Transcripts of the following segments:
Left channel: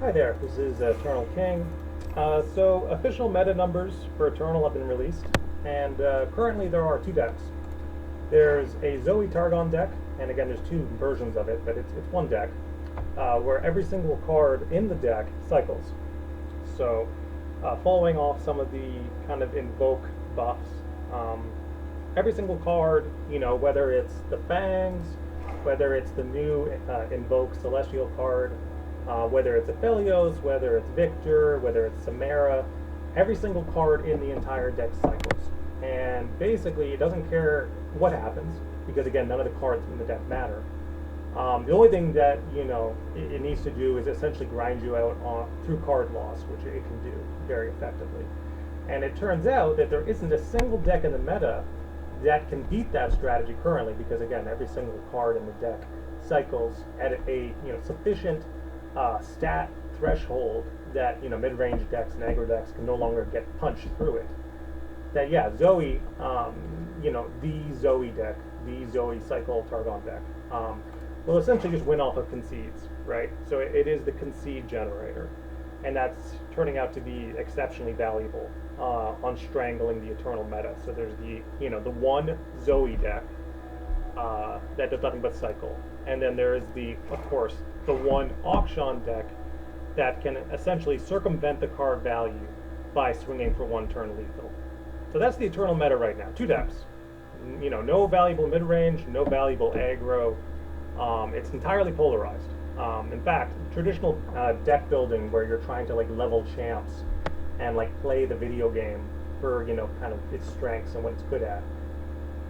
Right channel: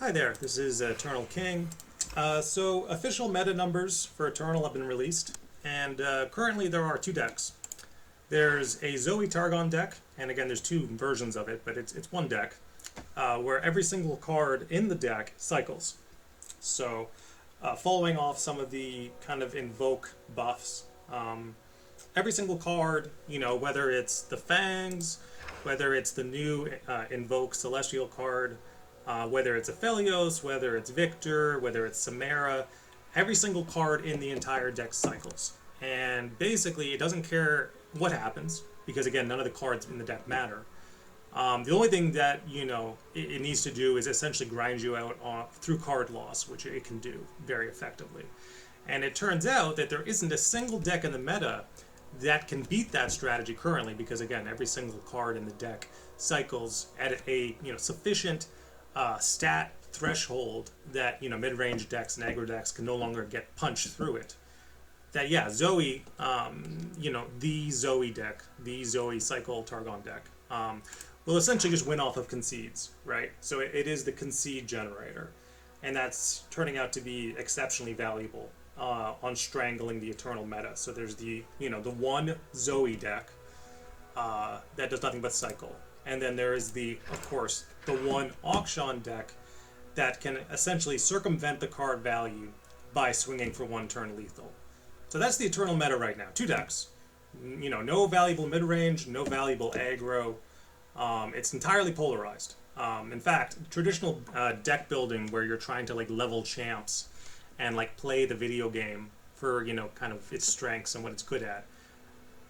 Hi there, this is Eternal King. So official meta numbers for Eternal have been released, and currently there are two decks. There's a Zoe Targon deck, and again there's two versions of it, but it's one deck, where every single card in the deck cycles. So following off some of the kind of invoke buffs, every single card, whether it's the Fangs, whether it's the new invoke Celestial card, whether it's Aphelios, whether it's Victor, whether it's Samara, every single card in the entire deck cycles. And basically, it doesn't care what happens, because again, none of the cards in the deck matter. The only thing that, it needs to do is essentially grind you out through card loss, which it can do very effectively. And it turns out that there isn't a single deck in the meta that can beat that strategy currently, because again, every single card in the deck cycles at a sufficient stat threshold that mid-range decks and aggro decks can no longer get punched through it. That Zoe, the Zoe deck, the Zoe cycle Targon deck, will essentially just win off of concedes, right? So it is the concede generator, and that's turning out to be exceptionally valuable on strangling the Eternal meta. So there's the the one Zoe deck that does nothing but cycle. And then there is of course, the one auction deck that can essentially circumvent the card value by swinging for one turn lethal. So that's the Eternal meta right now. Two decks. No valuable mid-range, no valuable aggro. It's entirely polarized. In fact, traditional deck building where you're trying to level champs and play the video game for kind of its strengths and what it's good at.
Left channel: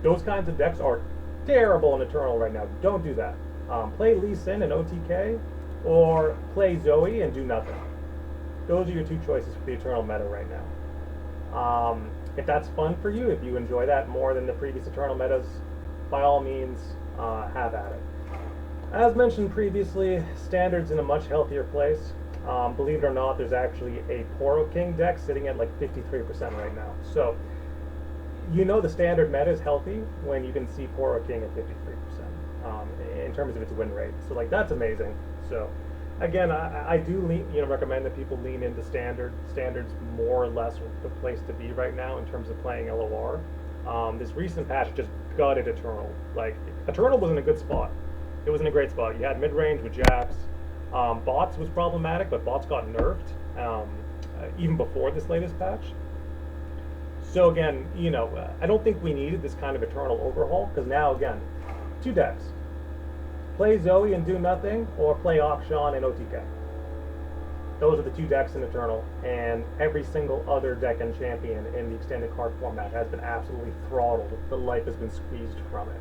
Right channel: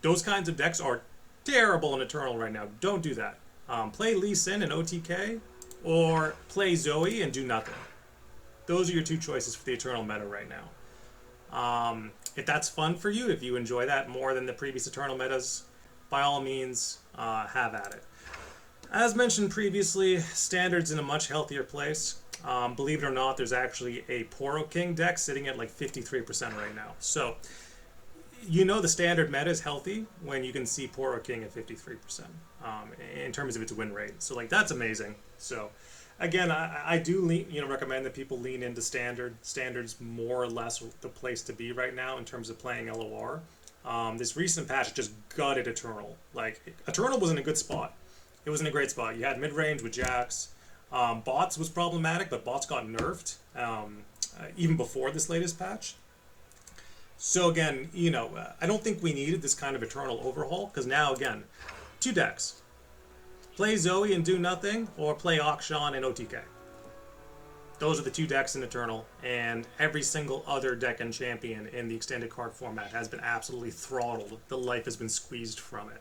Those kinds of decks are terrible in Eternal right now. Don't do that. Play Lee Sin and OTK, or play Zoe and do nothing. Those are your two choices for the Eternal meta right now. If that's fun for you, if you enjoy that more than the previous Eternal metas, by all means, have at it. As mentioned previously, Standard's in a much healthier place. Believe it or not, there's actually a Poro King deck sitting at 53% right now. So, the Standard meta is healthy when you can see Poro King at 53% in terms of its win rate. So that's amazing. So again, I do recommend that people lean into Standard. Standard's more or less the place to be right now in terms of playing LOR. This recent patch just gutted Eternal. Eternal was in a good spot. It was in a great spot. You had mid-range with Jax. Bots was problematic, but bots got nerfed even before this latest patch. So again, I don't think we needed this kind of Eternal overhaul, because now, again, two decks. Play Zoe and do nothing, or play Auction and OTK. Those are the two decks in Eternal, and every single other deck and champion in the extended card format has been absolutely throttled. The life has been squeezed from it.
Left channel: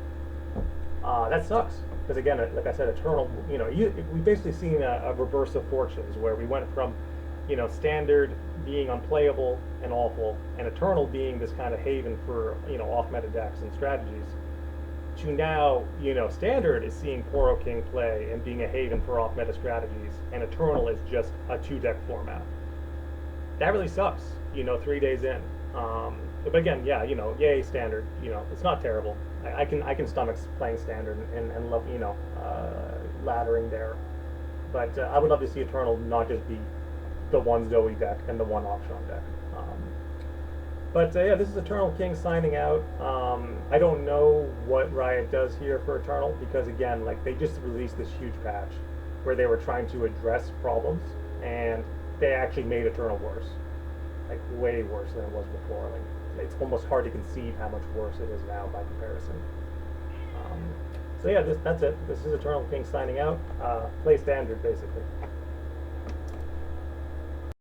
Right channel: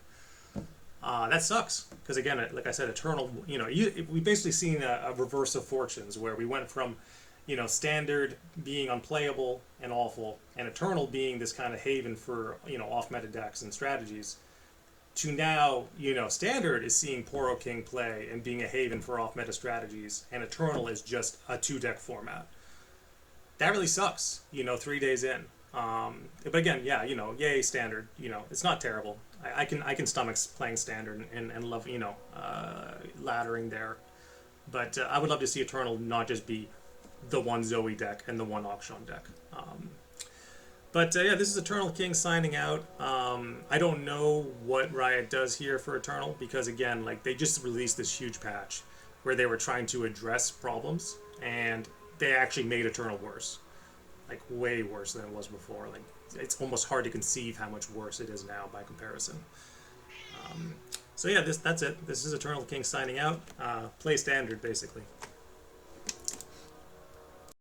That sucks, because again, like I said, Eternal, we basically seen a reverse of fortunes, where we went from Standard being unplayable and awful, and Eternal being this kind of haven for off-meta decks and strategies, to now Standard is seeing Poro King play and being a haven for off-meta strategies, and Eternal is just a two-deck format. That really sucks, 3 days in. But again, yay Standard. It's not terrible. I can stomach playing Standard and love laddering there. But I would love to see Eternal not just be the one Zoe deck and the one Auction deck. But this is Eternal King signing out. I don't know what Riot does here for Eternal, because again, they just released this huge patch where they were trying to address problems, and they actually made Eternal worse, way worse than it was before. It's almost hard to conceive how much worse it is now by comparison. So that's it. This is Eternal King signing out. Play Standard, basically.